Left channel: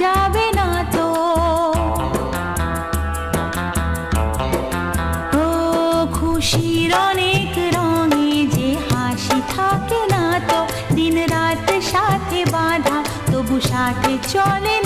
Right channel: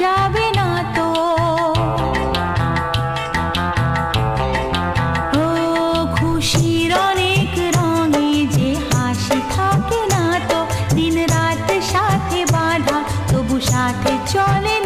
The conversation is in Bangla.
যাবে না তো। ও খুশির অনেক রঙে যে হাসি থাকে না তো, দিন রাত সাথে বাঁধা তবু সাথে চলে